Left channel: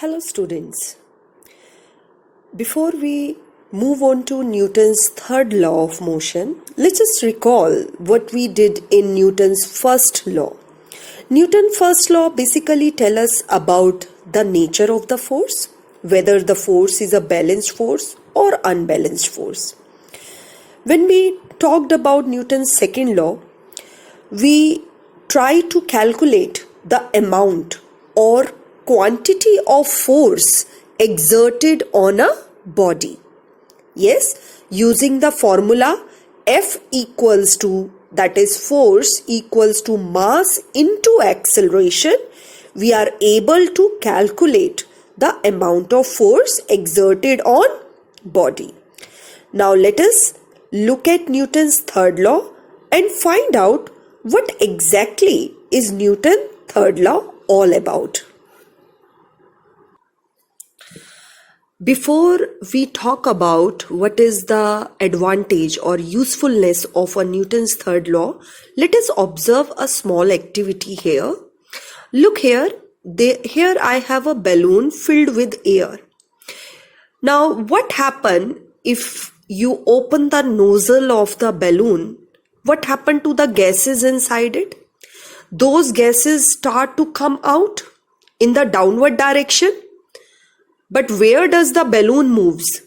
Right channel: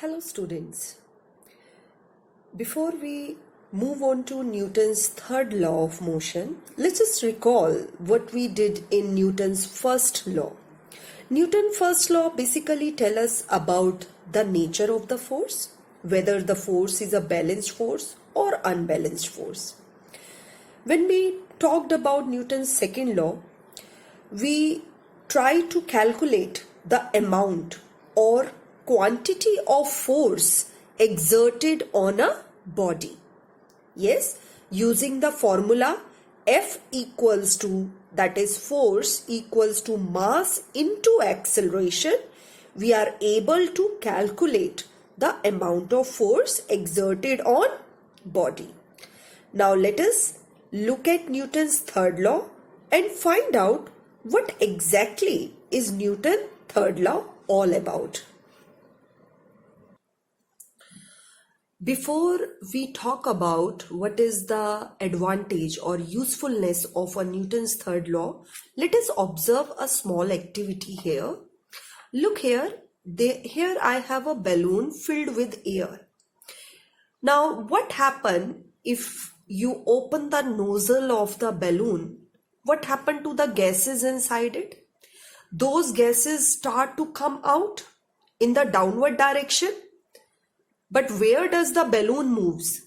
Hello students. Before we move on to Newton's third law of motion, let's just recall what we did in Newton's first law. Newton's first law basically tells us about the nature of the force, whether the force is a balanced force or unbalanced force. When we talked about Newton's second law, we try to calculate the amount or quantity of force exerted on a body. Yes, using the formula F equals to, that is force equals to mass into acceleration, we are able to calculate the amount of force exerted on body. Now let us look at Newton's third law and find out what exactly is Newton's third law all about. Before we talk about what is the advantage or usefulness of a Newton's third law, let us observe a small activity here. Look here, here I have a balloon filled with air. Now what happens if you open the nozzle of the balloon? What happened to the gases inside it? Those gases start to come out in the downward direction. But where does the balloon moves?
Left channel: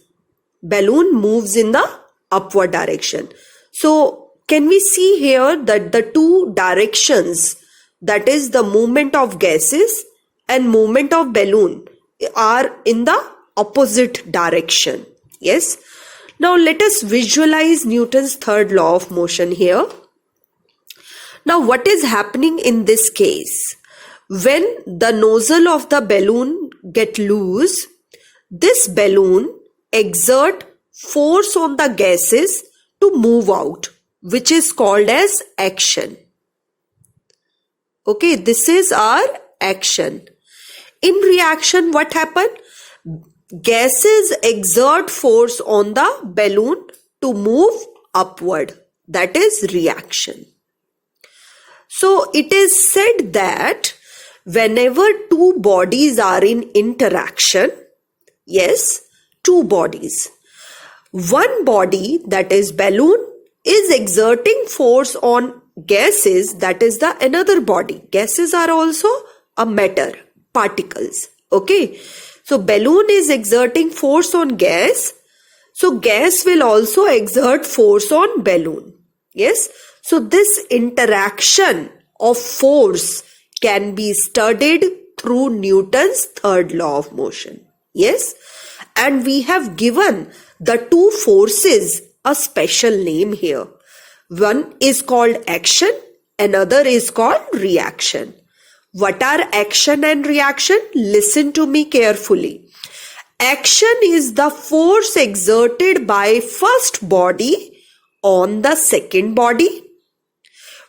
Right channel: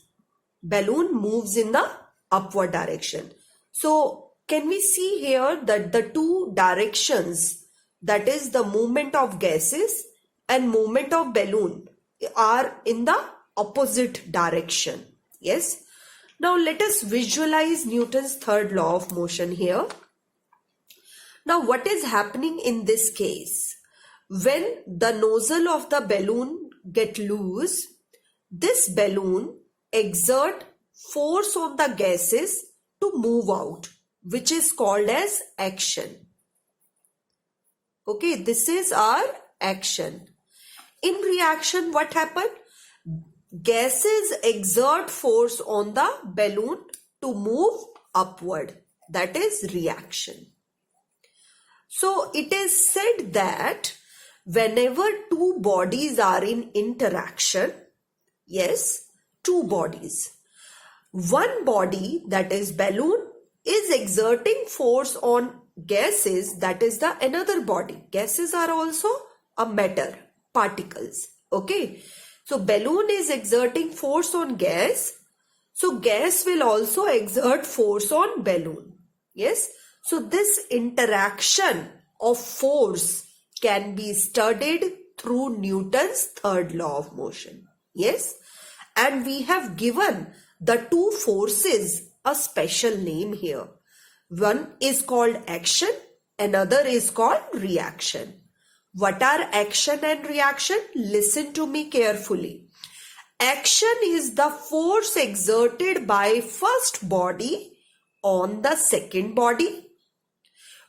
Balloon moves in the upward direction. So can we see here that the two directions, that is the movement of gases and movement of balloon, are in the opposite direction? Yes. Now let us visualize Newton's third law of motion here. Now what is happening in this case? When the nozzle of the balloon get loose, this balloon exert force on the gases to move out, which is called as action. Okay, this is our action. In reaction, what happened? Gases exert force on the balloon to move upward. That is reaction. So it is said that whenever two bodies are in interaction, yes, two bodies, one body, that is balloon, is exerting force on gases, that is the another body. Gases are also a matter, particles. Okay, so balloon is exerting force on gas, so gas will also exert force on balloon. Yes, so this interaction of force can be studied through Newton's third law of motion. Yes, and we have given the two forces a special name here. One is called action, another is called reaction. What are action and reaction? Listen to me carefully. Action is the force exerted by first body on the second body,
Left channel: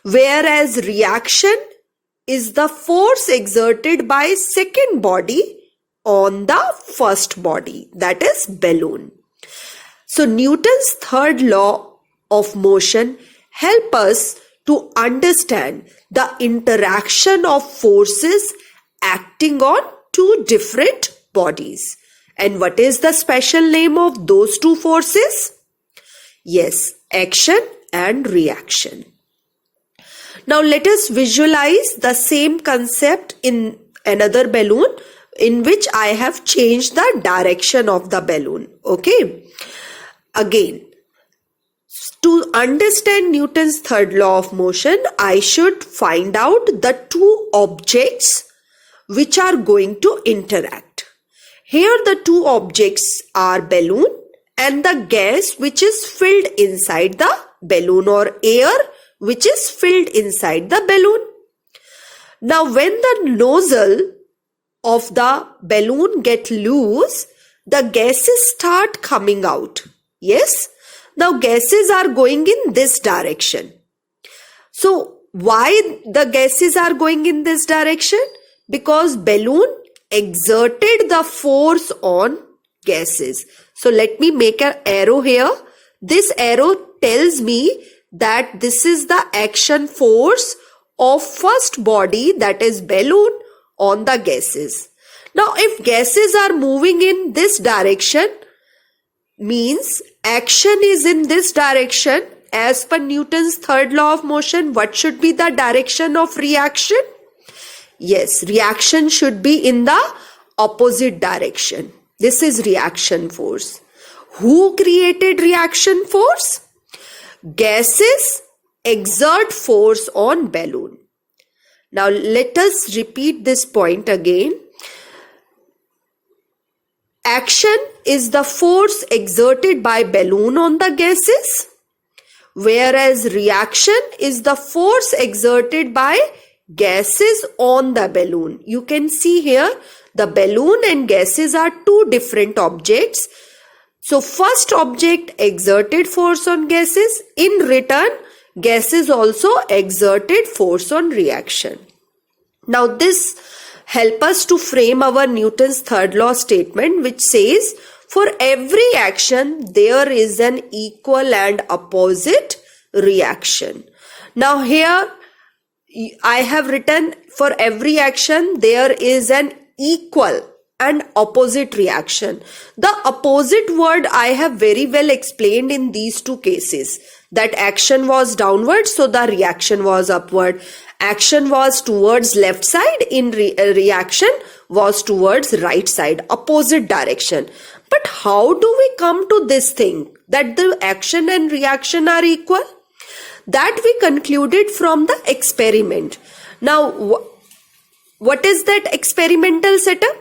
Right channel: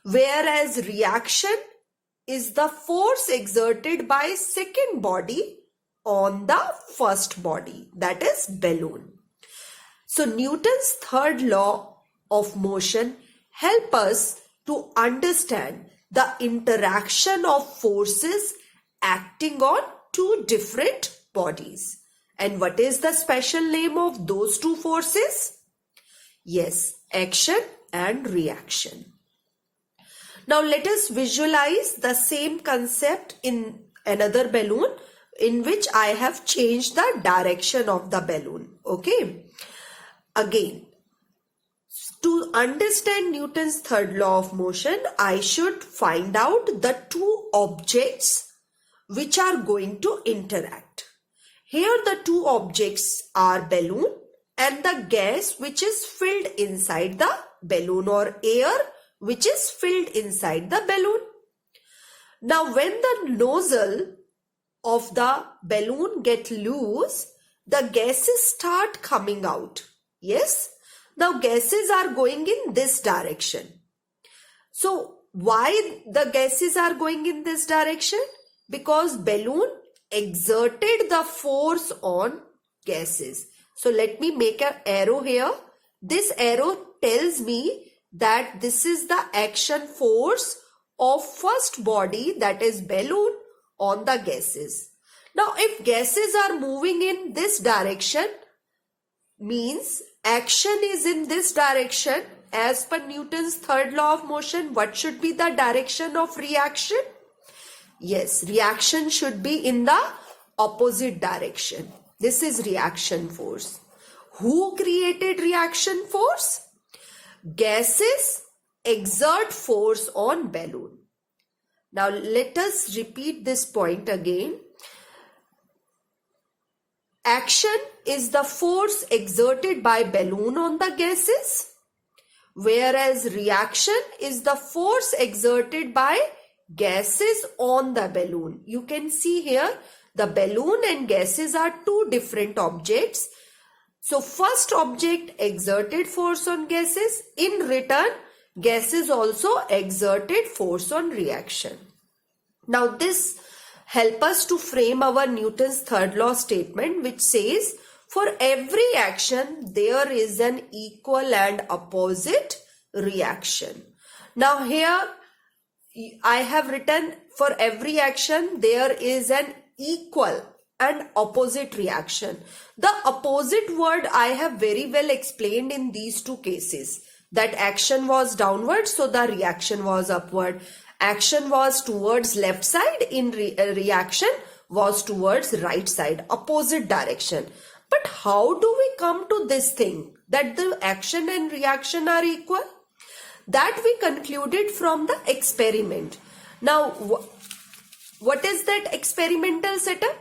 whereas reaction is the force exerted by second body on the first body, that is balloon. So Newton's third law of motion help us to understand the interaction of forces acting on two different bodies. And what is the special name of those two forces? Yes, action and reaction. Now let us visualize the same concept in another balloon in which I have changed the direction of the balloon. Okay. Again, to understand Newton's third law of motion, I should find out the two objects which are going to interact. Here the two objects are balloon and the gas which is filled inside the balloon, or air which is filled inside the balloon. Now when the nozzle of the balloon get loose, the gases start coming out. Yes, now gases are going in this direction. So why the gases are going in this direction? Because balloon exerted the force on gases. So let me make an arrow here. This arrow tells me that this is the action force of first body, that is balloon, on the gases. Now, if gases are moving in this direction, means action is in this direction. As per Newton's third law of motion, what should be the direction of reaction? Yes, reaction should be in the opposite direction. This is reaction force. Who created reaction force? Gases exert force on balloon. Now let us repeat this point again. Action is the force exerted by balloon on the gases, whereas reaction is the force exerted by gases on the balloon. You can see here the balloon and gases are two different objects. So first object exerted force on gases. In return, gases also exerted force on reaction. Now this helps us to frame our Newton's third law statement, which says for every action there is an equal and opposite reaction. Now here I have written for every action there is an equal and opposite reaction. The opposite word I have very well explained in these two cases. That action was downward, so the reaction was upward. Action was towards left side, in reaction was towards right side, opposite direction. But how do we come to this thing that the action and reaction are equal? That we concluded from the experiment. Now, what is that experimental setup?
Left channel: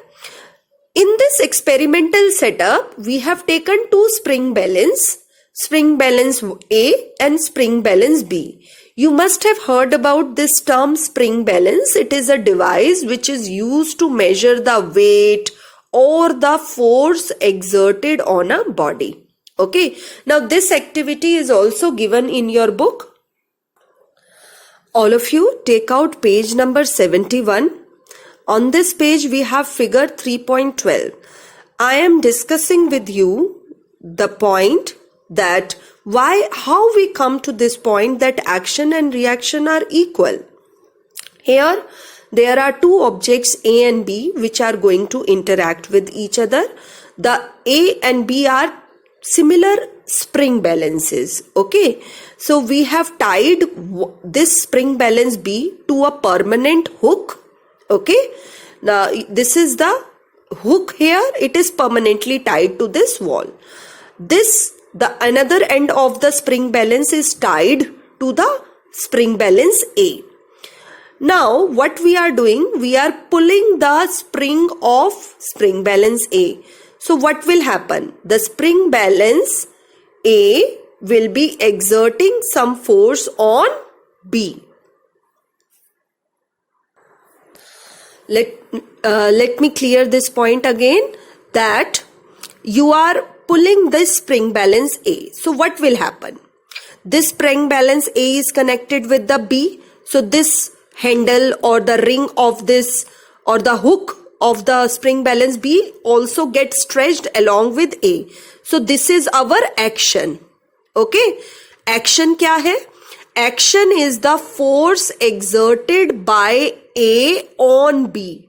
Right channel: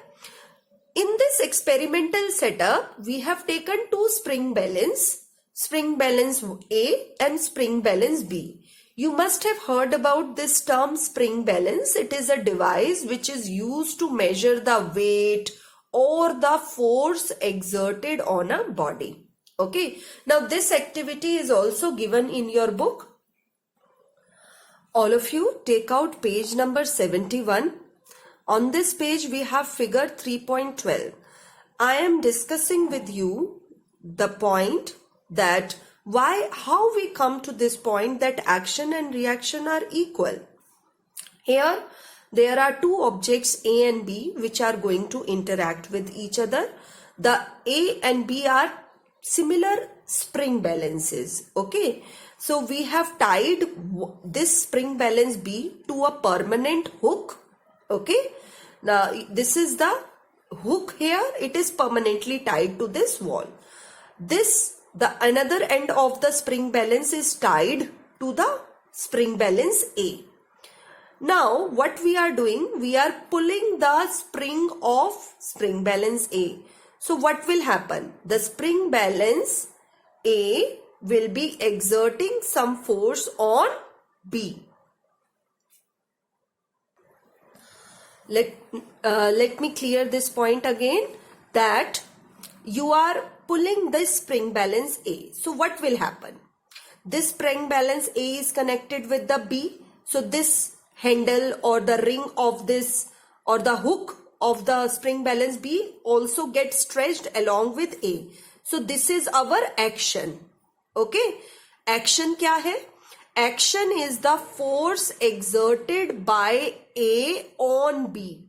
In this experimental setup, we have taken two spring balance A and spring balance B. You must have heard about this term spring balance. It is a device which is used to measure the weight or the force exerted on a body. Okay. Now this activity is also given in your book. All of you take out page number 71. On this page we have figure 3.12. I am discussing with you the point that how we come to this point that action and reaction are equal. Here there are two objects A and B which are going to interact with each other. The A and B are similar spring balances. Okay, so we have tied this spring balance B to a permanent hook. Okay, now this is the hook here. It is permanently tied to this wall. The another end of the spring balance is tied to the spring balance A. Now what we are doing, we are pulling the spring of spring balance A. So what will happen? The spring balance A will be exerting some force on B. Let me clear this point again, that you are pulling this spring balance A. So what will happen? This spring balance A is connected with the B. So this handle or the ring of this or the hook of the spring balance B also gets stretched along with A. So this is our action. Okay. Action kya hai? Action is the force exerted by A on B.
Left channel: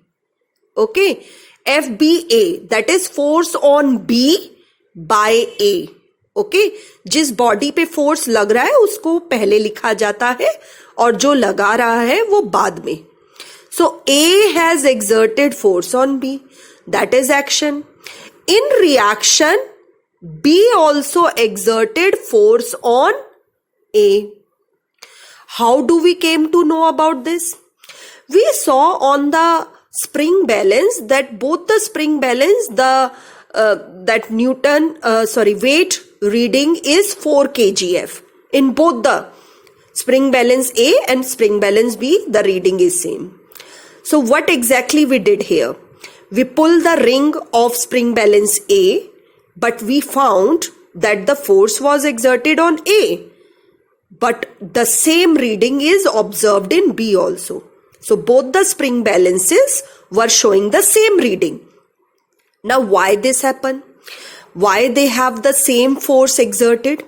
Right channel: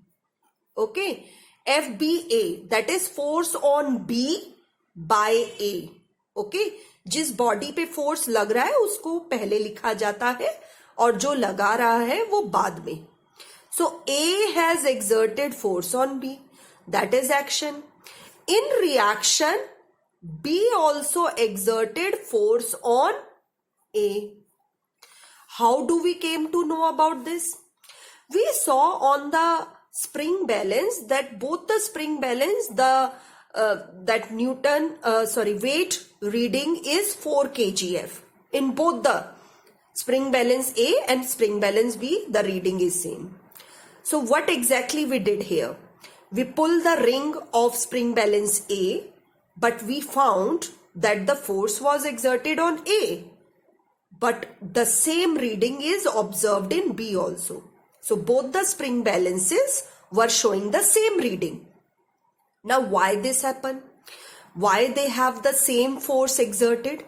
Okay. FBA, that is force on B by A. Okay. जिस body पे force लग रहा है उसको पहले लिखा जाता है और जो लगा रहा है वो बाद में. So A has exerted force on B. That is action. In reaction, B also exerted force on A. How do we came to know about this? We saw on the spring balance that both the spring balance, that weight reading is 4 kgf. In both the spring balance A and spring balance B, the reading is same. So what exactly we did here? We pulled the ring of spring balance A, but we found that the force was exerted on A. But the same reading is observed in B also. So both the spring balances were showing the same reading. Now why this happened? Why they have the same force exerted?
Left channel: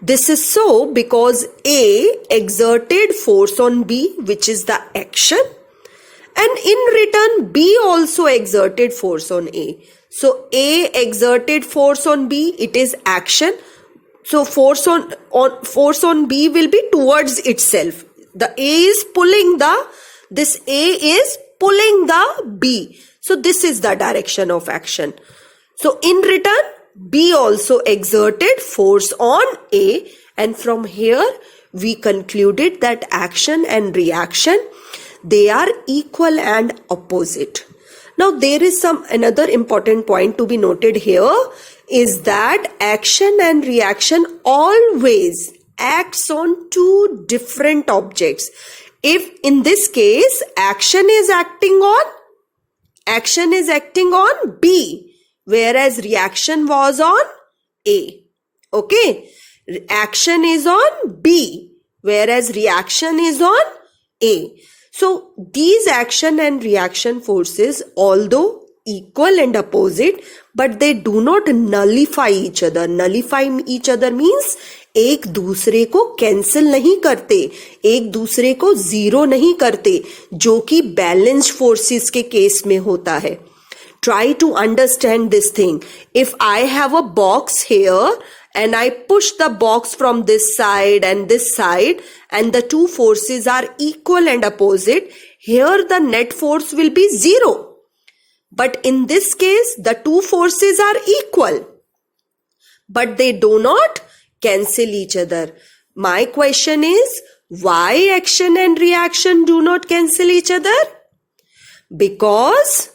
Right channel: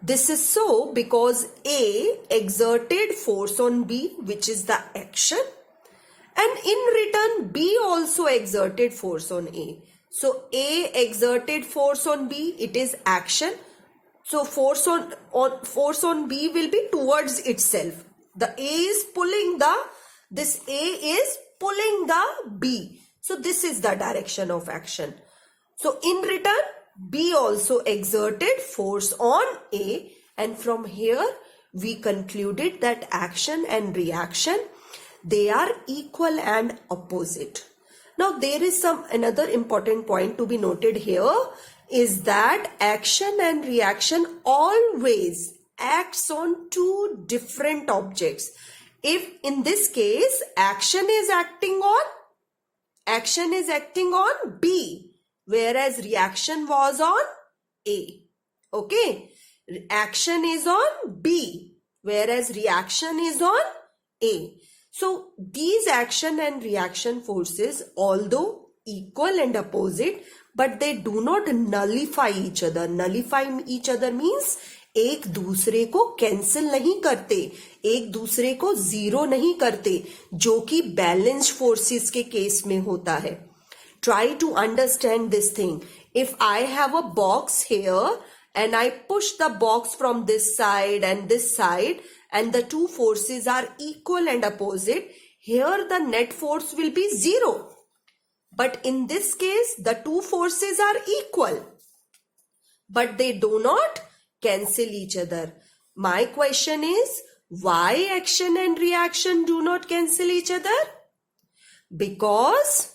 This is so because A exerted force on B, which is the action, And in return, B also exerted force on A. So A exerted force on B, it is action. So force on B will be towards itself. The A is pulling this A is pulling the B. So this is the direction of action. So in return, B also exerted force on A, and from here we concluded that action and reaction, they are equal and opposite. Now there is another important point to be noted here is that action and reaction always acts on two different objects. If in this case action is acting on B, whereas reaction was on A. Okay, action is on B, whereas reaction is on A. So these action and reaction forces, although equal and opposite, but they do not nullify each other. Nullify each other means एक दूसरे को cancel नहीं करते, एक दूसरे को zero नहीं करते, जो कि बैलेंस्ड फोर्सेस के केस में होता है. Try to understand this thing. If I have a box here and I push the box from this side and this side, and the two forces are equal and opposite, here the net force will be zero. But in this case, the two forces are equal, but they do not cancel each other. My question is, why action and reaction do not cancel each other? Because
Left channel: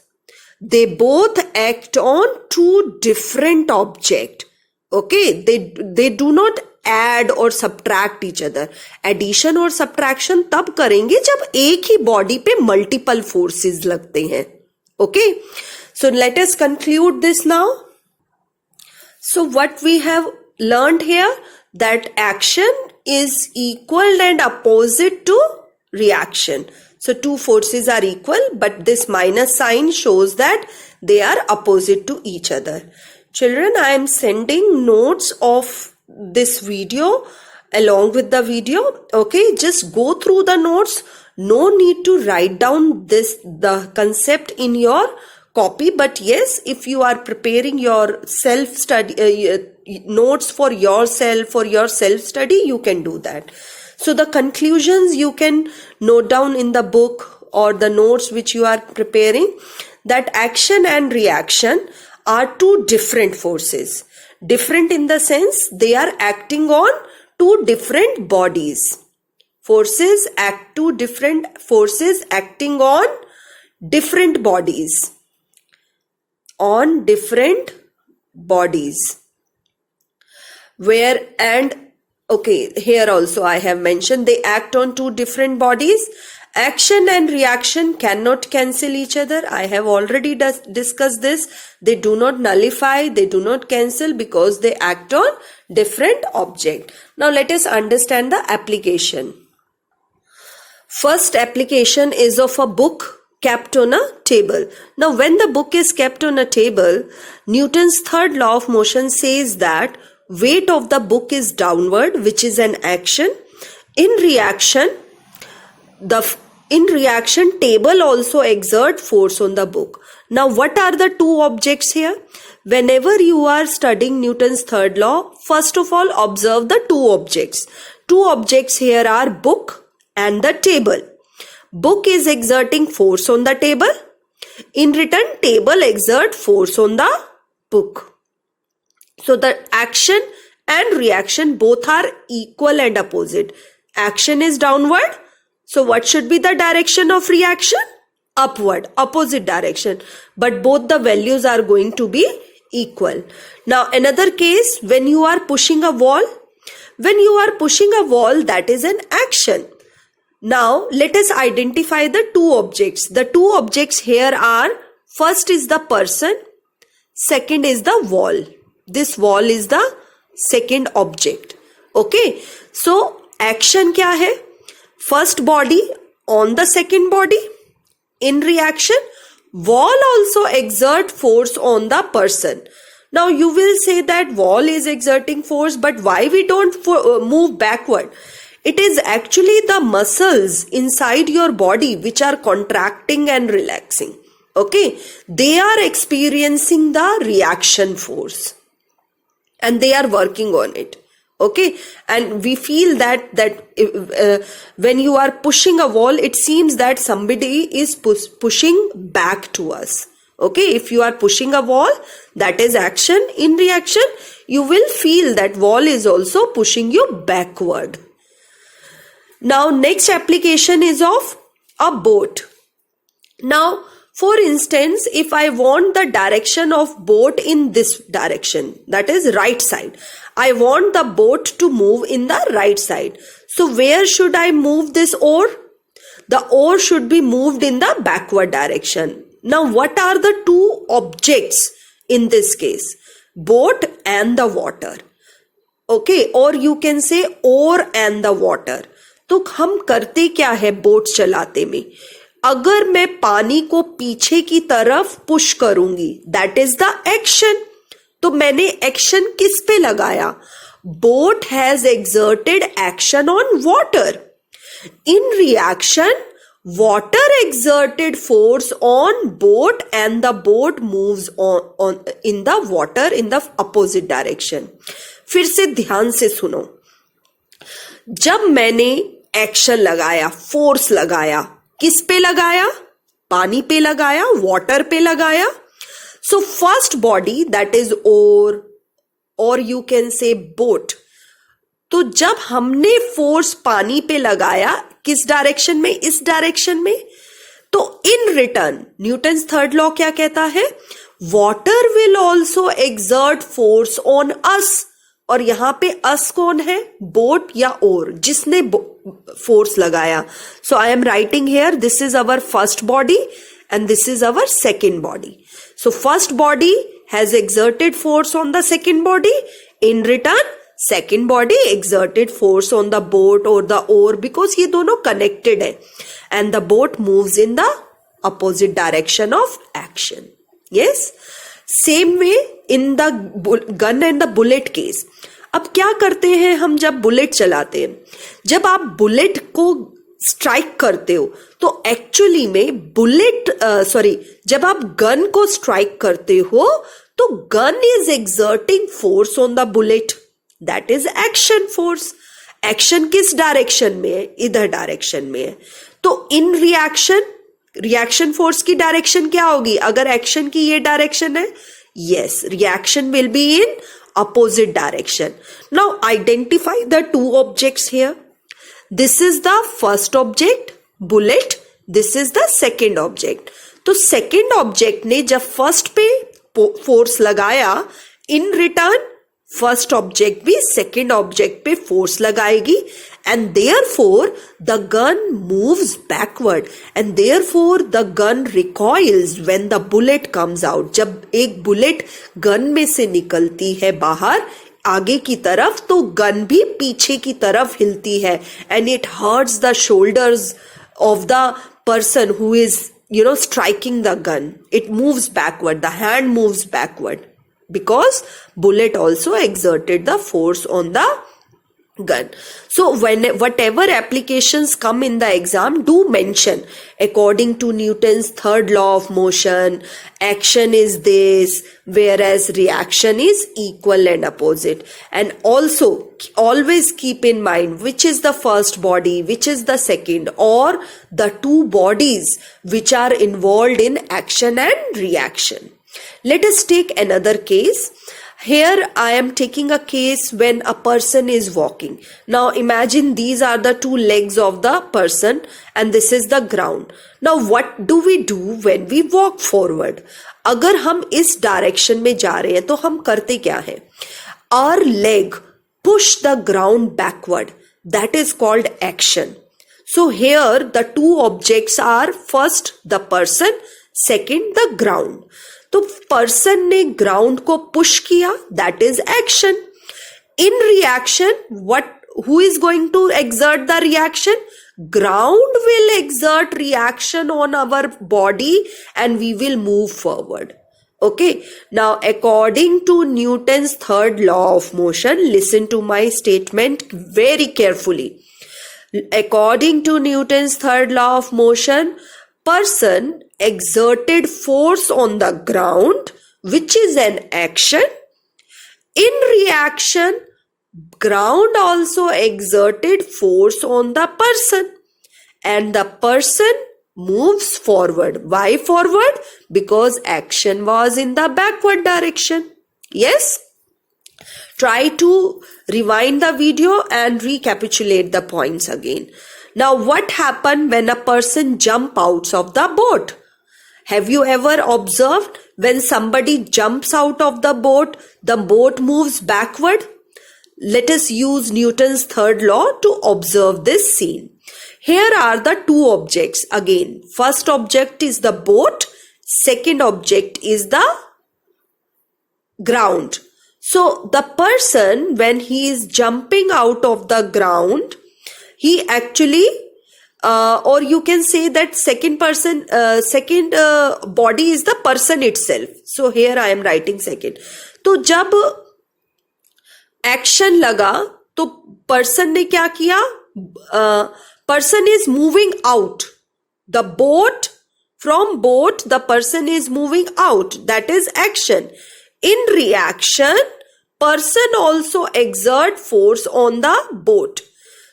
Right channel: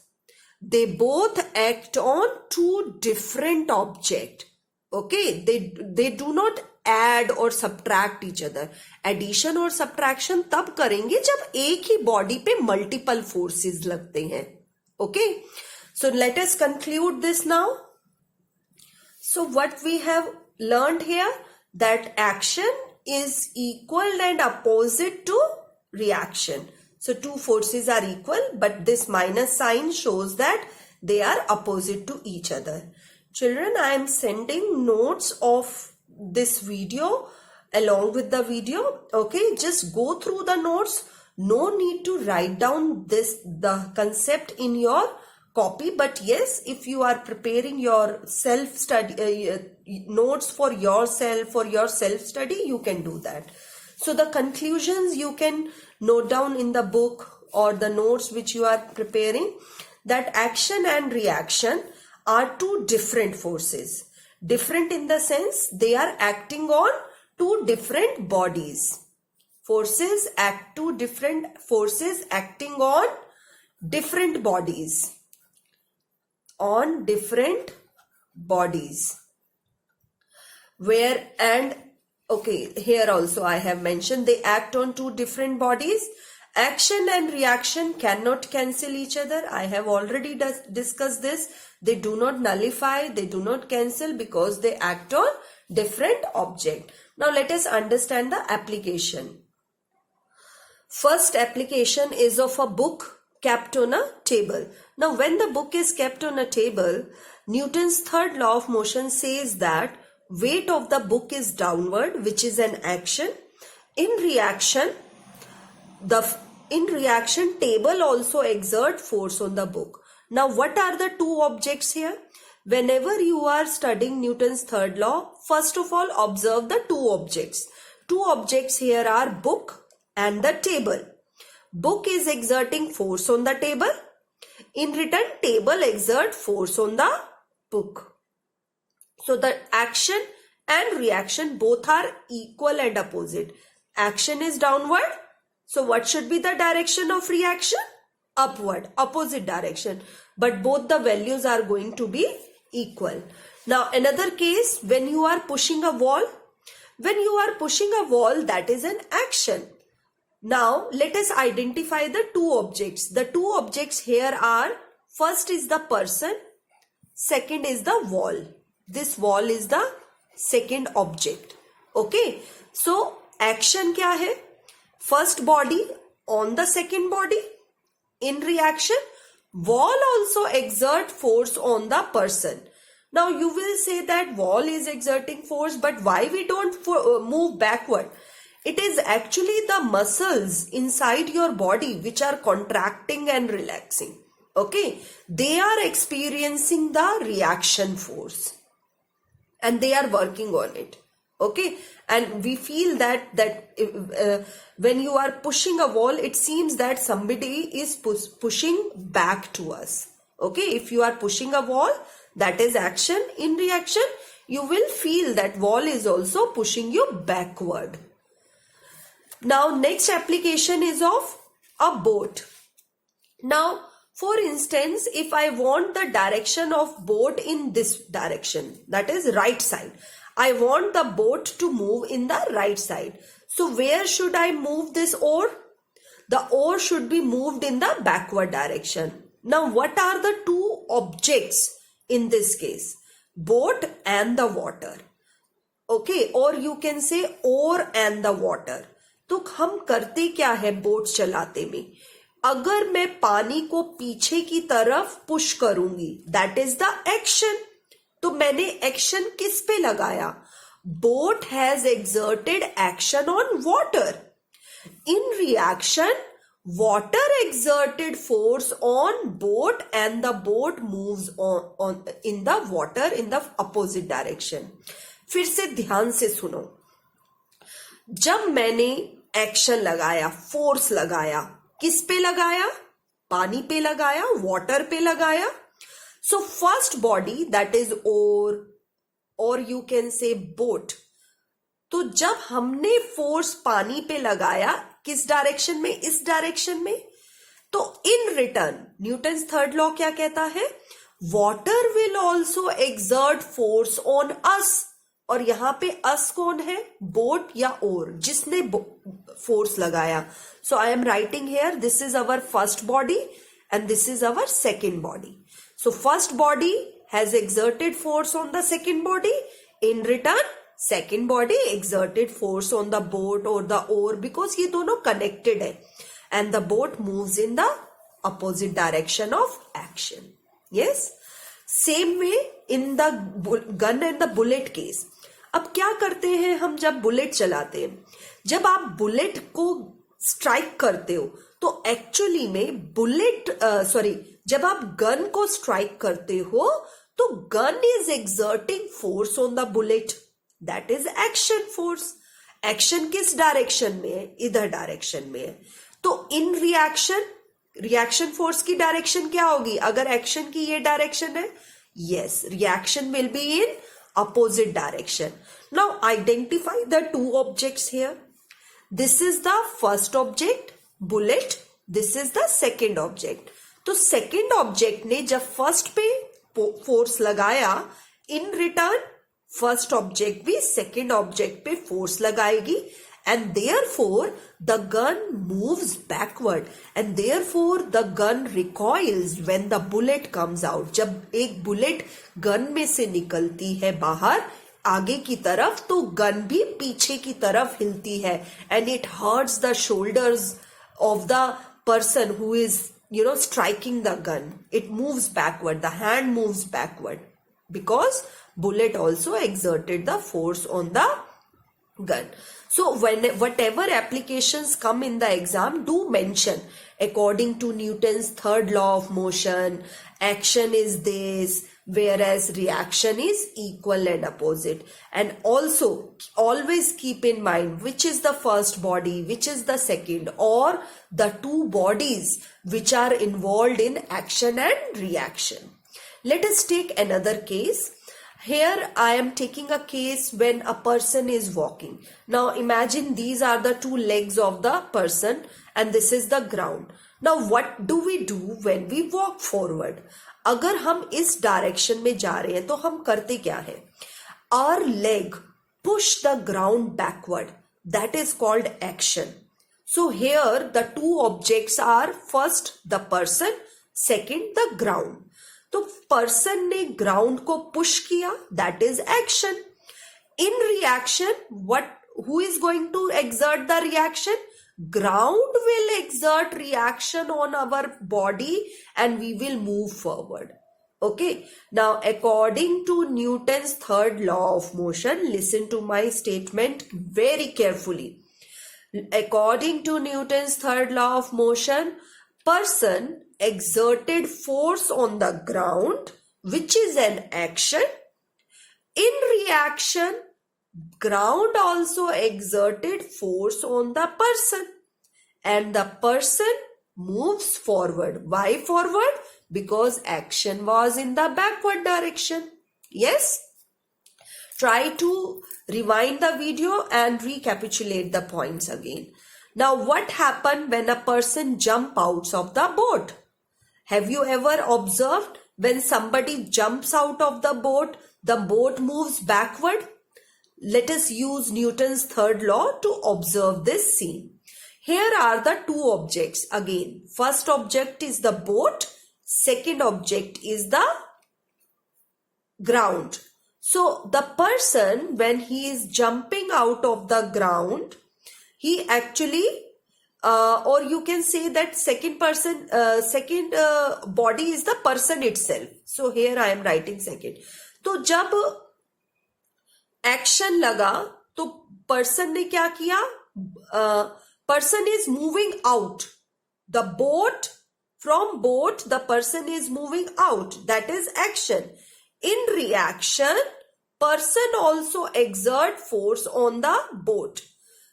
they both act on two different objects. Okay, they do not add or subtract each other. Addition और subtraction तब करेंगे जब एक ही body पे multiple forces लगते हैं. Okay, so let us conclude this now. So what we have learned here, that action is equal and opposite to reaction. So two forces are equal, but this minus sign shows that they are opposite to each other. Children, I am sending notes of this video along with the video. Okay, just go through the notes. No need to write down the concept in your copy, but yes, if you are preparing your self-study notes for yourself, self-study, you can do that. So the conclusions you can note down in the book or the notes which you are preparing, that action and reaction are two different forces. Different in the sense they are acting on two different bodies. Two different forces acting on different bodies. Here also I have mentioned they act on two different bodies. Action and reaction cannot cancel each other. I have already discussed this. They do not nullify, they do not cancel because they act on different object. Now let us understand the application. First application is of a book kept on a table. Now when the book is kept on a table, Newton's third law of motion says that weight of the book is downward, which is an action. In reaction, table also exert force on the book. Now what are the two objects here? Whenever you are studying Newton's third law, first of all observe the two objects. Two objects here are book and the table. Book is exerting force on the table. In return, table exert force on the book. So the action and reaction both are equal and opposite. Action is downward. So what should be the direction of reaction? Upward, opposite direction. But both the values are going to be equal. Now another case, when you are pushing a wall. When you are pushing a wall, that is an action. Now let us identify the two objects. The two objects here are, first is the person, second is the wall. This wall is the second object. Okay, so action क्या है? First body on the second body. In reaction, wall also exert force on the person. Now you will say that wall is exerting force, but why we don't move backward? It is actually the muscles inside your body which are contracting and relaxing. Okay, they are experiencing the reaction force and they are working on it. Okay, and we feel that when you are pushing a wall, it seems that somebody is pushing back to us. Okay, if you are pushing a wall, that is action. In reaction, you will feel that wall is also pushing you backward. Now, next application is of a boat. Now, for instance, if I want the direction of boat in this direction, that is right side, I want the boat to move in the right side. So where should I move this oar? The oar should be moved in the backward direction. Now, what are the two objects in this case? Boat and the water. Okay, or you can say oar and the water. तो हम करते क्या है boat चलाते में? अगर मैं पानी को पीछे की तरफ पुश करूंगी, दैट इज द एक्शन. तो मैंने एक्शन किस पे लगाया? Boat has exerted action on water. In reaction, water exerted force on boat and the boat moves on in the water in the opposite direction. फिर से ध्यान से सुनो. जब मैंने एक्शन लगाया, फोर्स लगाया, किस पे लगाया? पानी पे लगाया, वाटर पे लगाया. So first body that is or और यू कैन से बोट. तो जब हमने फोर्स पानी पे लगाया, किस डायरेक्शन में? इस डायरेक्शन में. तो in return Newton's third law क्या कहता है? Water will also exert force on us. और यहां पे अस कौन है? बोट या ओर, जिसने फोर्स लगाया. So I am writing here, this is our first body and this is our second body. So first body has exerted force on the second body. In return, second body exerted force on the boat or the oar because ये दोनों connected है and the boat moves in the opposite direction of action. Yes? Same way in the gun and the bullet case. अब क्या करते हैं हम जब bullet चलाते हैं? जब आप बुलेट को स्ट्राइक करते हो तो एक्चुअली में जब आप गन को स्ट्राइक करते हो तो gun is exerting force on the bullet. That is action force. Action किस डायरेक्शन में है? इधर डायरेक्शन में है. तो इन रिएक्शन फोर्स की डायरेक्शन क्या होगी? अगर एक्शन की ये डायरेक्शन है, yes, reaction will be in opposite direction. Now identify the two objects here. This is the first object, bullet. This is the second object. तो second object ने जब first पे force लगाया, in return first object भी second object पे force लगाएगी and therefore the gun moves backward and therefore the gun recoils when the bullet comes out. जब एक बुलेट गन में से निकलती है बाहर आगे की तरफ तो गन भी पीछे की तरफ हिलती है and it hurts the shoulders of the person who is striking the gun. It moves backward, the hand moves backward because bullet also exerted the force on the gun. So whatever applications come in the exam, do mention according to Newton's third law of motion, action is this, whereas reaction is equal and opposite. And also always keep in mind which is the first body, which is the second, or the two bodies which are involved in action and reaction. Let us take another case. Here I am taking a case when a person is walking. Now imagine these are the two legs of the person and this is the ground. Now what do we do when we walk forward? अगर हम इस direction में जा रहे हैं तो हम करते क्या है? Our leg push the ground backward. That is called action. So here the two objects are first the person, second the ground. तो पर्सन ने ग्राउंड को पुश किया, that is action. In reaction who is going to exert the reaction? Ground will exert reaction on our body and we will move forward. Okay, now according to Newton's third law of motion, listen to my statement very carefully. According to Newton's third law of motion, person exerted force on the ground, which is an action. In reaction, ground also exerted force on the person, and the person moves forward. Why forward? Because action was in the backward direction. Yes? Try to rewind the video and recapitulate the points again. Now, what happened when a person jumps out of the boat? Have you ever observed when somebody jumps out of the boat moves backward? Let us use Newton's third law to observe this scene. Here are the two objects again. First object is the boat. Second object is the ground. So the person, when he is jumping out of the ground, he actually or you can say that second body is the person itself. So here I am writing second. तो जब action लगा तो person ने क्या किया? Person is moving out. The boat, from boat, the person is moving out. That is action. In reaction, person also exert force on the boat.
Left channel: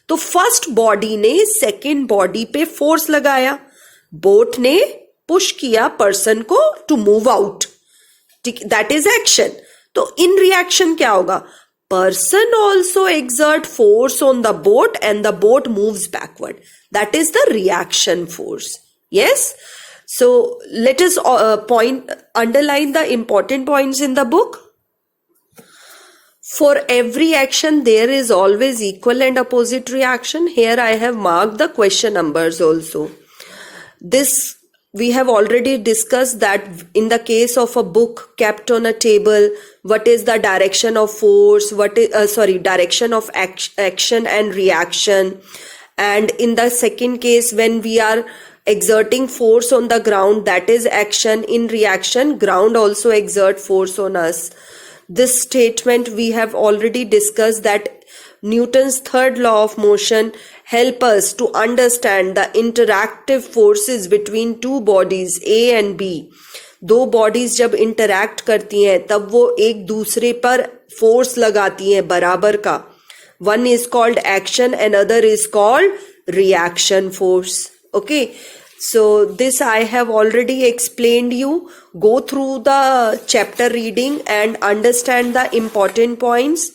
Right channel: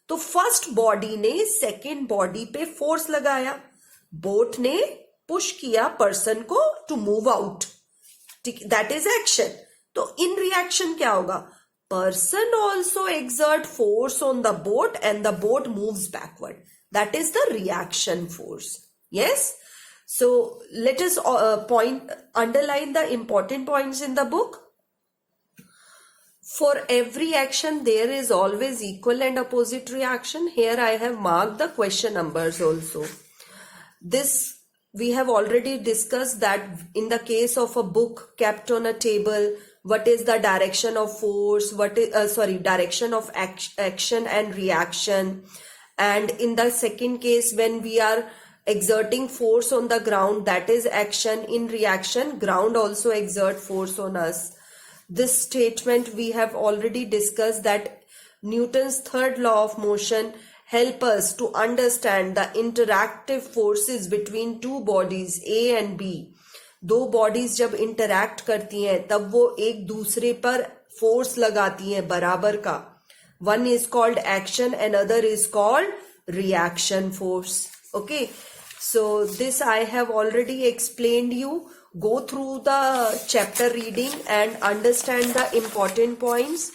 तो first body ने second body पे force लगाया, boat ने push किया person को to move out. That is action. तो in reaction क्या होगा? Person also exert force on the boat and the boat moves backward. That is the reaction force. Yes. So let us underline the important points in the book. For every action, there is always equal and opposite reaction. Here I have marked the question numbers also. This we have already discussed that in the case of a book kept on a table, what is the direction of force? Direction of action and reaction. And in the second case, when we are exerting force on the ground, that is action. In reaction, ground also exert force on us. This statement we have already discussed, that Newton's third law of motion help us to understand the interactive forces between two bodies A and B. दो bodies जब interact करती हैं तब वो एक दूसरे पर force लगाती हैं बराबर का. One is called action and other is called reaction force. Okay. So this I have already explained you. Go through the chapter reading and understand the important points.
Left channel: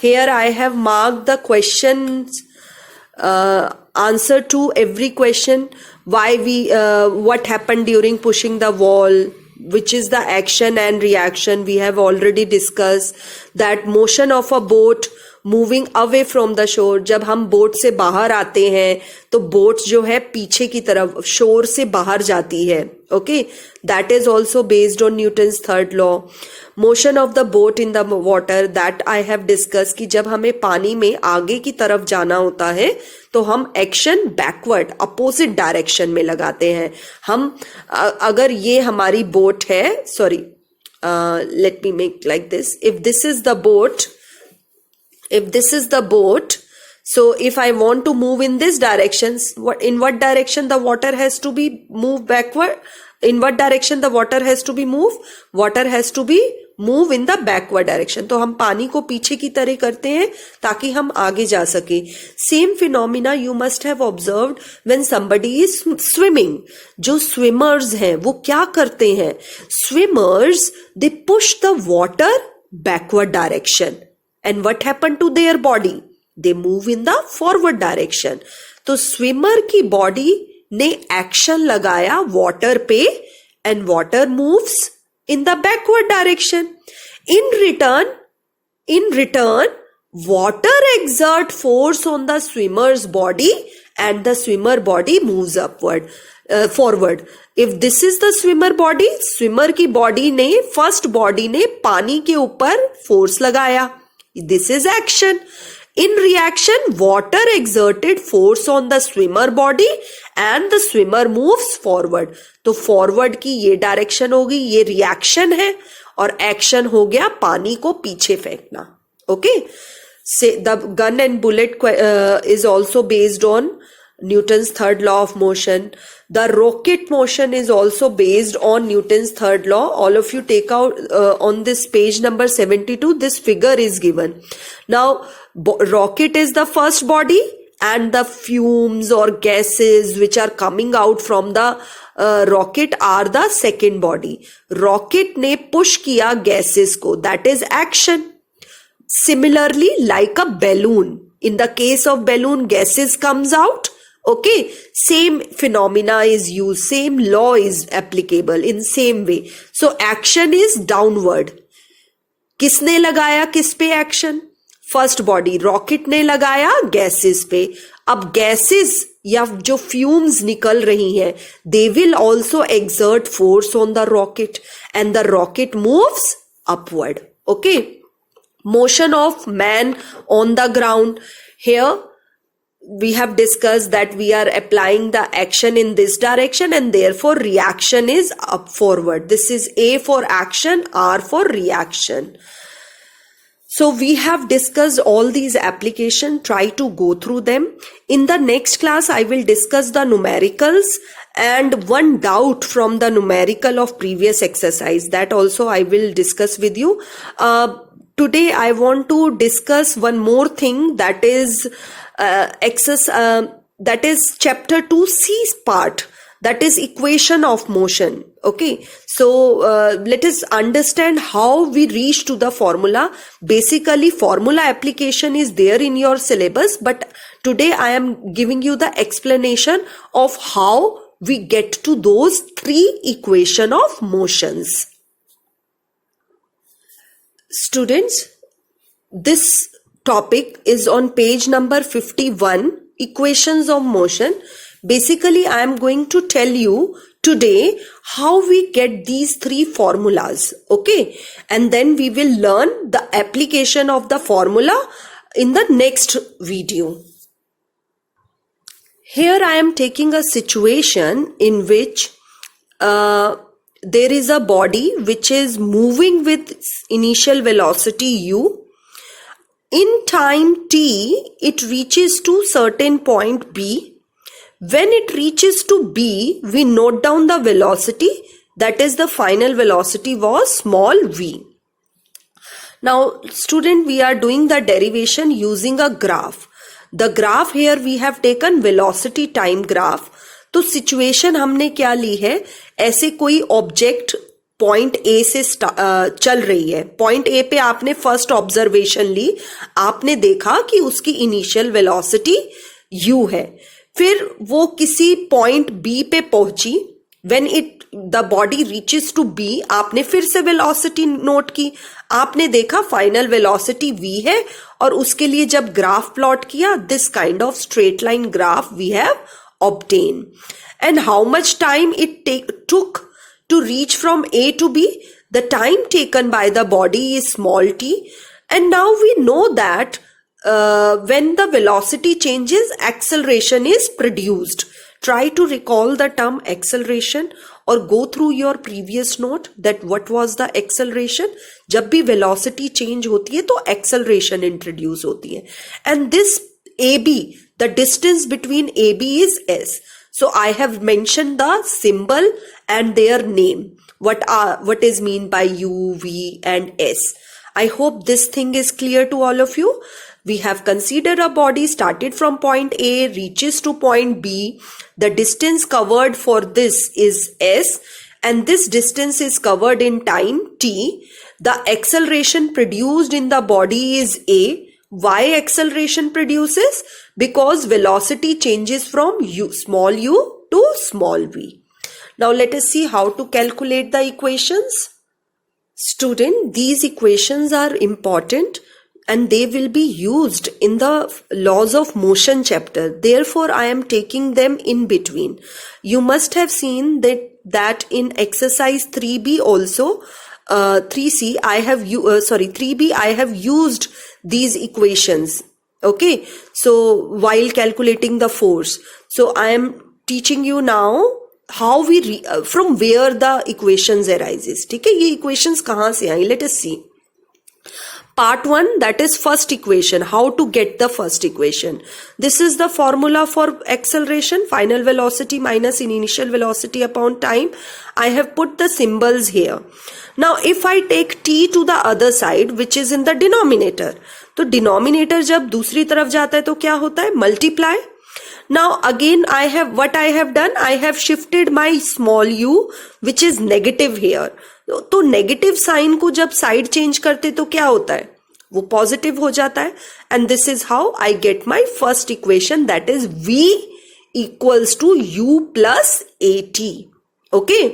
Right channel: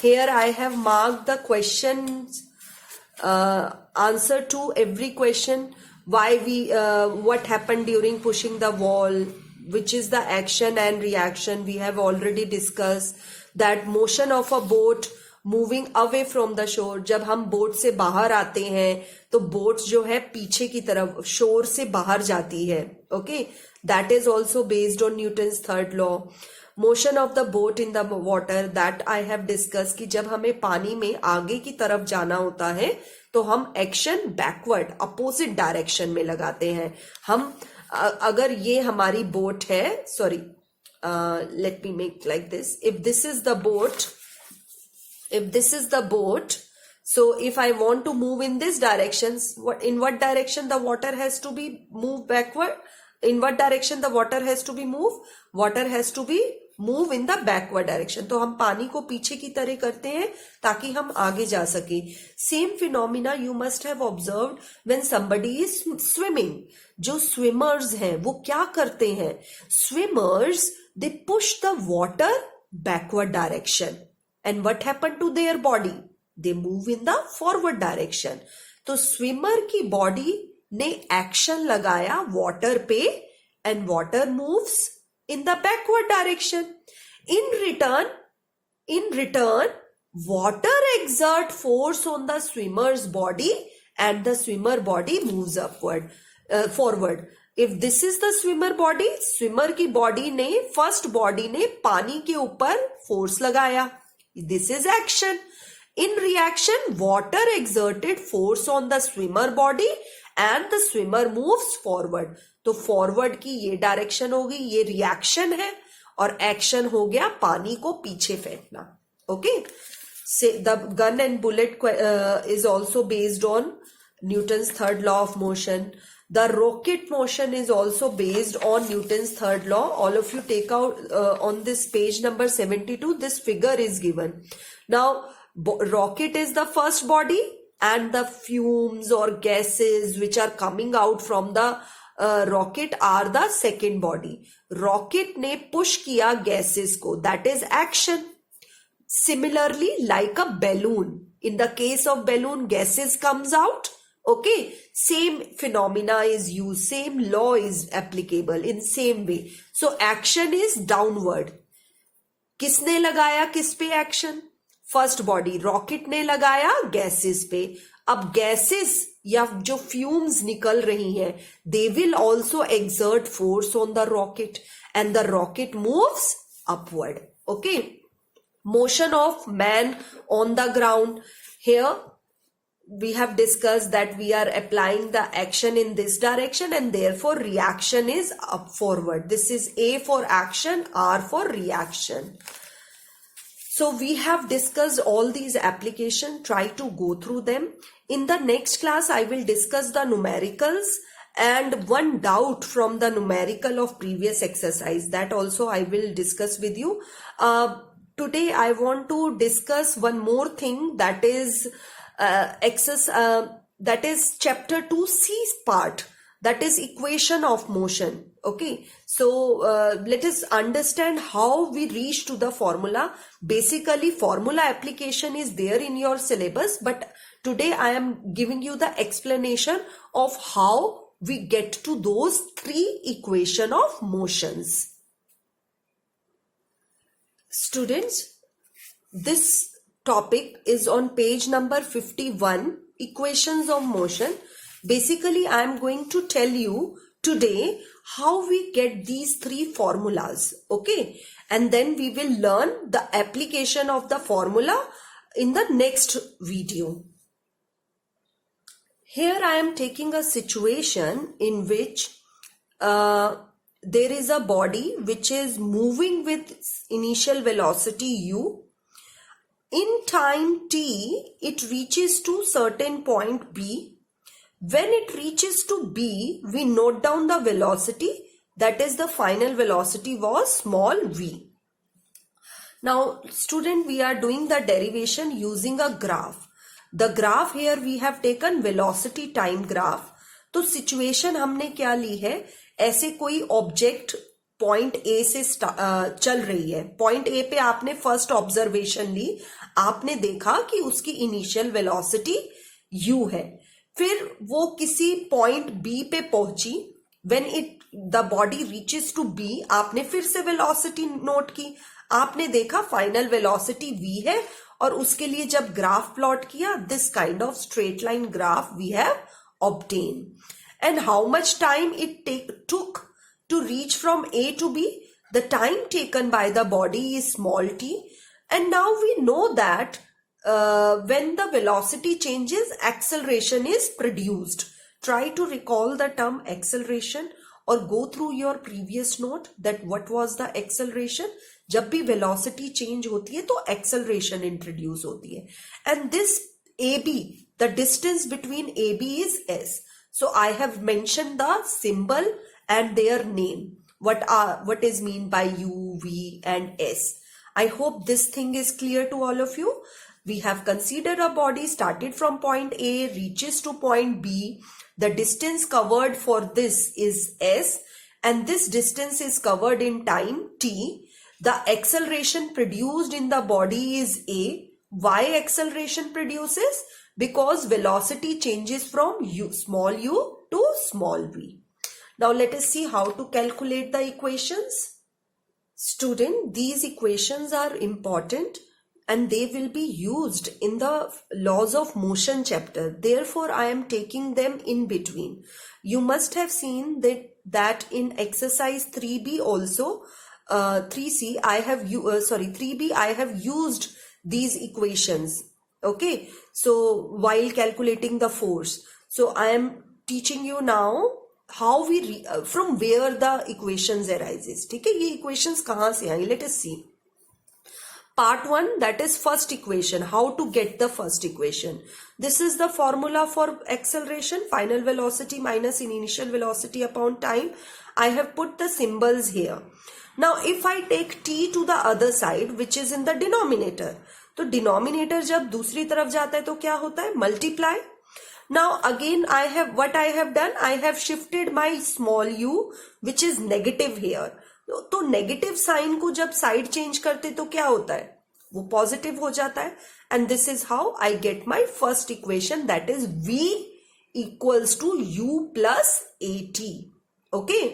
Here I have marked the questions, answer to every question. What happened during pushing the wall, which is the action and reaction. We have already discussed that motion of a boat moving away from the shore. जब हम boat से बाहर आते हैं तो boat जो है पीछे की तरफ शोर से बाहर जाती है. Okay. That is also based on Newton's third law. Motion of the boat in the water, that I have discuss कि जब हमें पानी में आगे की तरफ जाना होता है तो हम एक्शन बैकवर्ड अपोजिट डायरेक्शन में लगाते हैं. हम अगर ये हमारी बोट है, sorry, let me make like this. If this is the boat, so if I want to move in this direction, in what direction the water has to be moved backward? In what direction the water has to be moved? Water has to be move in the backward direction. तो हम पानी को पीछे की तरह करते हैं ताकि हम आगे जा सके. Same phenomena you must have observed when somebody is swimming. जो swimmers हैं वो क्या करते हैं? Swimmers, they push the water backward direction. And what happened to their body? They move in the forward direction. तो स्विमर की body ने action लगाया वाटर पे and water moves in the backward direction. In return, water exert force on the swimmer's body and the swimmer body moves forward. If this is the swimmer body, swimmer की body ने, first body ने पानी के ऊपर force लगाया. This is action. In reaction, water exerted force on the swimmer body and the swimmer moves forward. तो forward की ये डायरेक्शन होगी, ये रिएक्शन है, और एक्शन हो गया पानी को पीछे फेंकना. Okay. say the gun and bullet is also based on Newton's third law of motion. The rocket motion is also based on Newton's third law. All of you take out on this page number 72, this figure is given. Now, rocket is the first body and the fumes or gases which are coming out from the rocket are the second body. Rocket ने push किया gases को, that is action. Similarly, like a balloon, in the case of balloon, gases comes out. Okay, same phenomena is used, same law is applicable in same way. So action is downward. किसने लगाया किस पे action? First body rocket ने लगाया gases पे. अब gases या जो फ्यूम्स निकल रही हैं, they will also exert force on the rocket and the rocket moves upward. Okay, motion of man on the ground. Here we have discussed that we are applying the action in this direction and therefore reaction is up forward. This is A for action, R for reaction. So we have discussed all these applications. Try to go through them. In the next class, I will discuss the numericals and one doubt from the numerical of previous exercise. That also I will discuss with you. Today I want to discuss one more thing, that is that is chapter 2C part, that is equation of motion. Okay, so let us understand how we reach to the formula. Basically formula application is there in your syllabus, but today I am giving you the explanation of how we get to those three equation of motions. Students, this topic is on page number 51, equations of motion. Basically, I am going to tell you today how we get these three formulas. Okay, and then we will learn the application of the formula in the next video. Here I am taking a situation in which there is a body which is moving with initial velocity u. In time t, it reaches to certain point B. When it reaches to B, we note down the velocity, that is the final velocity was small v. Now student, we are doing the derivation using a graph. The graph here we have taken velocity time graph. तो situation हमने क्या ली है, ऐसे कोई object point A से चल रही है. पॉइंट ए पे आपने फर्स्ट ऑब्जर्वेशन ली, आपने देखा कि उसकी इनिशियल वेलोसिटी u है. फिर वो किसी पॉइंट बी पे पहुंची. When it the body reaches to B, आपने फिर से वेलोसिटी नोट की, आपने देखा फाइनल वेलोसिटी v है, और उसके लिए जब ग्राफ प्लॉट किया, this kind of straight line graph we have obtain. And how much time it took to reach from A to B? The time taken by the body is small t. And now we know that when the velocity changes, acceleration is produced. Try to recall the term acceleration or go through your previous note that what was the acceleration. जब भी velocity change होती है तो acceleration introduce होती है. And this AB, the distance between AB is S. So I have mentioned the symbol and their name. What is mean by U, V and S. I hope this thing is clear to all of you. We have considered a body started from point A, reaches to point B. The distance covered for this is S, and this distance is covered in time t. The acceleration produced in the body is A. Why acceleration produces? Because velocity changes from small u to small v. Now let us see how to calculate the equations. Student, these equations are important and they will be used in the laws of motion chapter. Therefore, I am taking them in between. You must have seen that in exercise 3b also, 3c, 3b, I have used these equations. Okay, so while calculating the force, so I am teaching you now how we from where the equations arises. ठीक है, ये equations कहाँ से आई? Let us see. Part 1, that is first equation, how to get the first equation. This is the formula for acceleration, final velocity minus initial velocity upon time. I have put the symbols here. Now if I take t to the other side, which is in the denominator, तो denominator जब दूसरी तरफ जाता है तो क्या होता है? Multiply. Now again I have done, I have shifted my small u, which is negative here. तो नेगेटिव साइन को जब साइड चेंज करते तो क्या होता है? वो पॉजिटिव हो जाता है. And this is how I get my first equation, that is v equals to u plus at. Okay,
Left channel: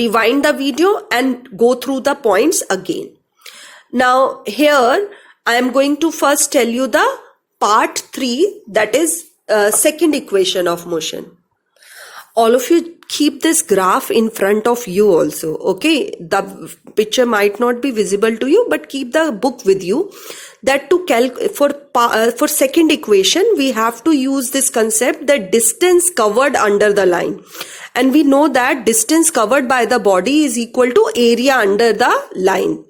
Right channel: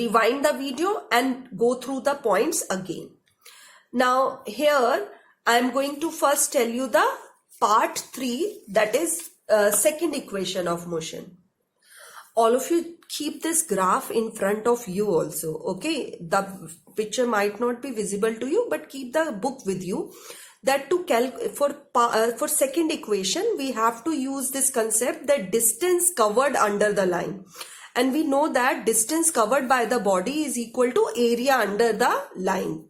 rewind the video and go through the points again. Now here I am going to first tell you the part 3, that is second equation of motion. All of you keep this graph in front of you also. Okay, the picture might not be visible to you, but keep the book with you. That to for second equation we have to use this concept, that distance covered under the line, and we know that distance covered by the body is equal to area under the line.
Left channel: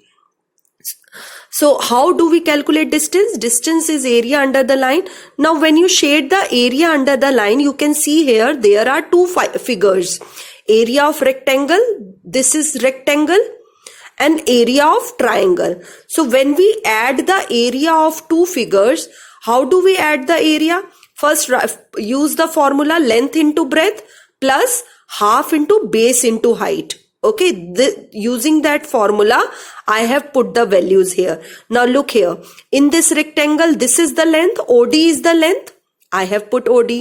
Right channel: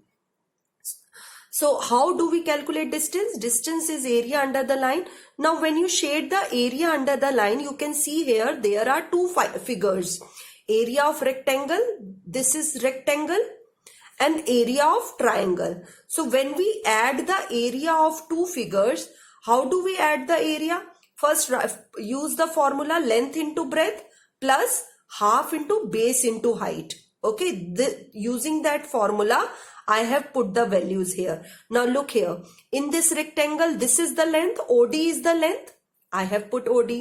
So how do we calculate distance? Distance is area under the line. Now when you shade the area under the line, you can see here there are two figures. Area of rectangle, this is rectangle, and area of triangle. So when we add the area of two figures, how do we add the area? First use the formula length into breadth plus half into base into height. Okay, using that formula, I have put the values here. Now look here. In this rectangle, this is the length. OD is the length. I have put OD.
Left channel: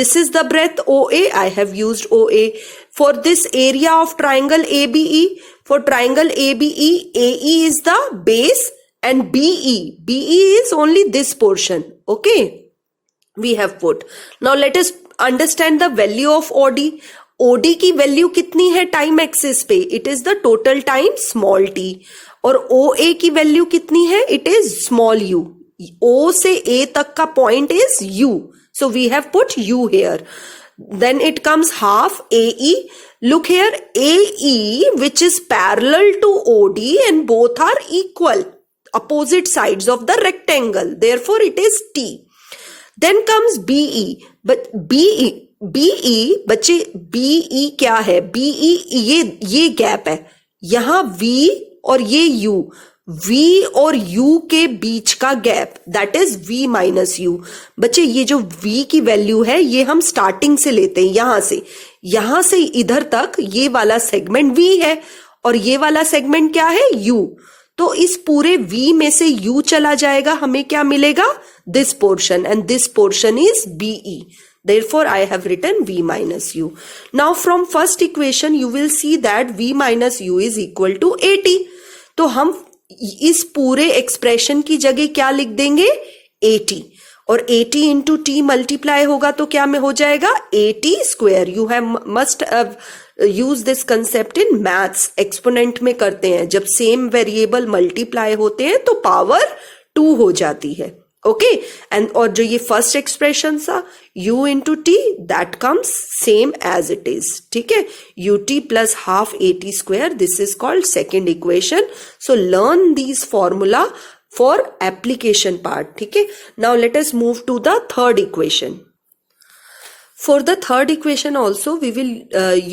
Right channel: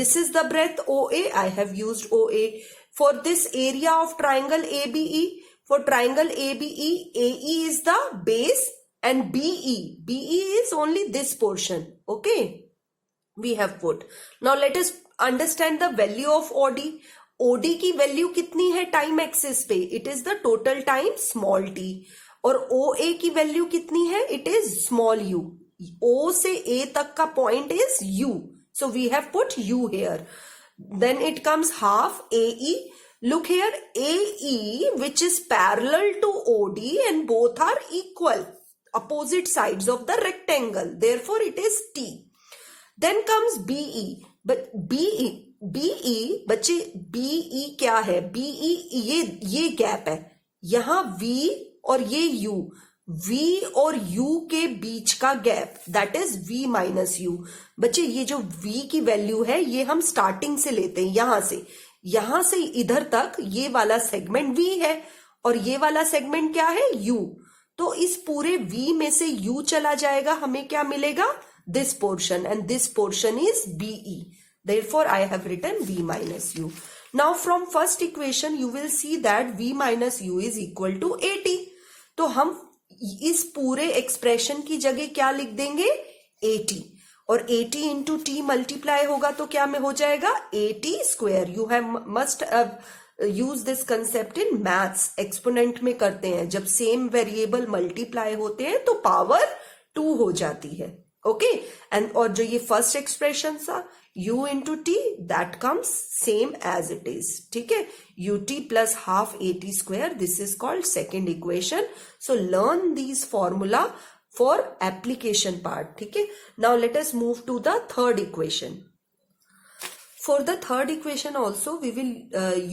This is the breadth OA. I have used OA. For this area of triangle ABE, for triangle ABE, AE is the base and BE. BE is only this portion. Okay, we have put. Now let us understand the value of OD. OD की value कितनी है time axis पे? It is the total time small T. और OA की value कितनी है? It is small u. O से A तक का point is u. So we have put u here. Then it comes half AE. Look here, AE, which is parallel to OD, and both are equal, opposite sides of the rectangle. Therefore it is T. Then comes BE. But BE बच्चे BE क्या है? BE ये gap है, यहां V और ये U. V और U के बीच का gap, that is V minus U. बच्चे ये जो V की वैल्यू है ये हम स्टार्टिंग से लेते हैं, यहां से इधर तक ये वाला सेगमेंट V है और ये वाला सेगमेंट क्या है? U. तो इस पूरे V में से U चला जाएगा, हमें क्या मिलेगा? This portion, and this portion is BE. Therefore, I have written V minus U. Now, from first equation, you will see that V minus U is equal to 80. तो हम इस पूरे एक्सप्रेशन की जगह क्या लिख देंगे? 80. और 80 इंटू टी मल्टीप्लाई होगा तो क्या में हो जाएगा? 80 square. You have must use this concept in maths. Exponent में करते हैं, जब सेम वेरिएबल मल्टीप्लाई होते हैं तो पावर 2 हो जाती है. ओके, एंड और जो ये फर्स्ट एक्सप्रेशन था u into T, that comes same as it is. ठीक है, ut plus half 80 square, this is called second equation. So learn this formula for application part. ठीक है, now let us move to the third equation. For the third equation also, we will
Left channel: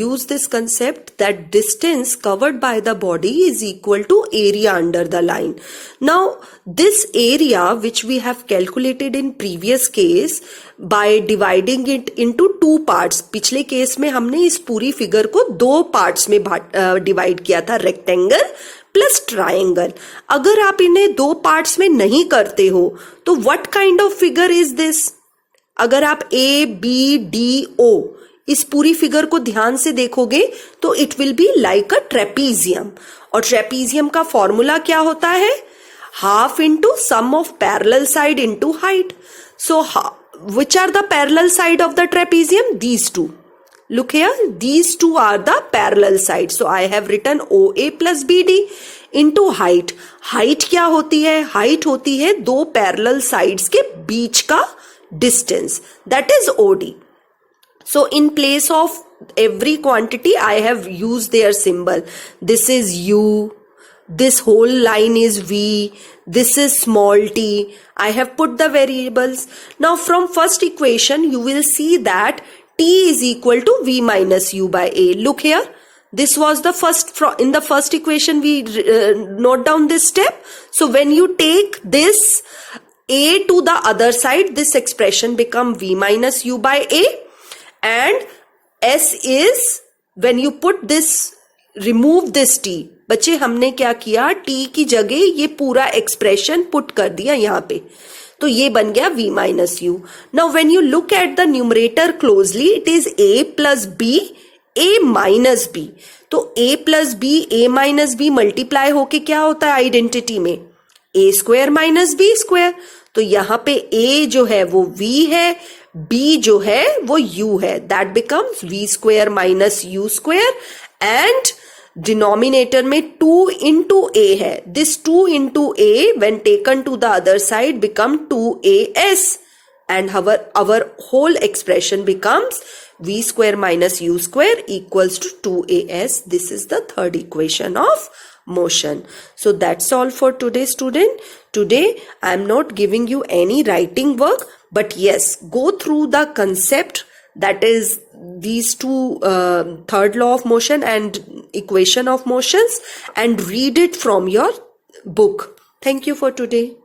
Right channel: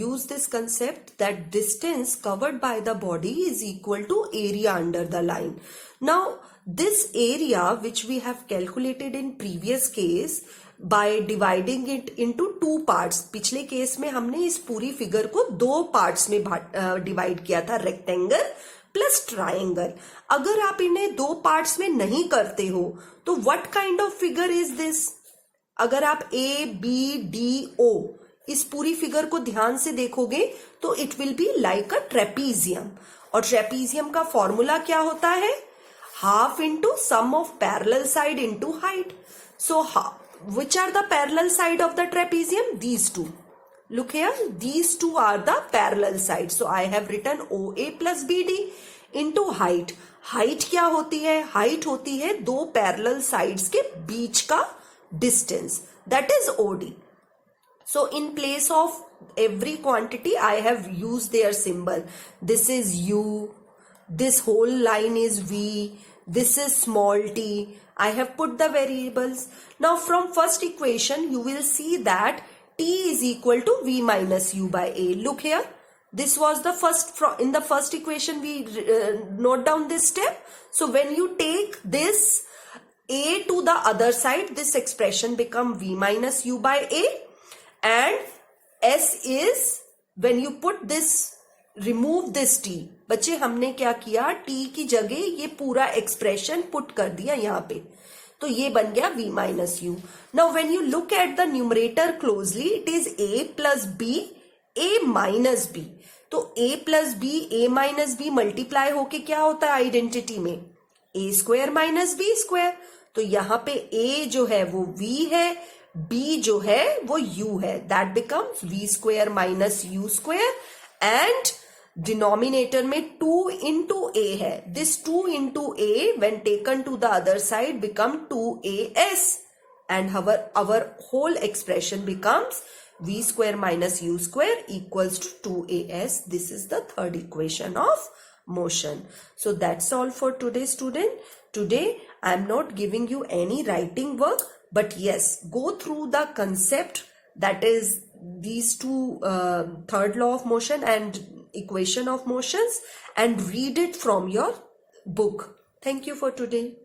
use this concept that distance covered by the body is equal to area under the line. Now, this area which we have calculated in previous case by dividing it into two parts. पिछले case में हमने इस पूरी figure को दो parts में divide किया था, रेक्टेंगल प्लस ट्राइंगल. अगर आप इन्हें दो पार्ट्स में नहीं करते हो तो what kind of figure is this? अगर आप A, B, D, O इस पूरी फिगर को ध्यान से देखोगे तो it will be like a trapezium. और ट्रेपीजियम का फॉर्मूला क्या होता है? Half into sum of parallel side into height. So which are the parallel side of the trapezium? These two. Look here, these two are the parallel sides. So I have written OA plus BD into height. Height क्या होती है? Height होती है दो parallel sides के बीच का distance, that is OD. So in place of every quantity I have used their symbol. This is U, this whole line is v, this is small t. I have put the variables. Now from first equation you will see that t is equal to v minus u by a. Look here, this was the first, in the first equation we note down this step. So when you take this a to the other side, this expression become v minus u by a, and s is, when you put this, remove this t. बच्चे हमने क्या किया, t की जगह ये पूरा expression put कर दिया यहाँ पे, तो ये बन गया v minus you. Now when you look at the numerator closely, it is a plus b, a minus b. तो a plus b, a minus b multiply होके क्या होता है आइडेंटिटी में, a square minus b square. तो यहाँ पे a जो है वो v है, b जो है वो u है. That becomes v square minus u square, and denominator में 2 into a है. This 2 into a when taken to the other side become 2as, and our whole expression becomes v square minus u square equals to 2as. This is the third equation of motion. So that's all for today, student. Today I am not giving you any writing work, but yes, go through the concept, that is these two, third law of motion and equation of motions, and read it from your book. Thank you for today.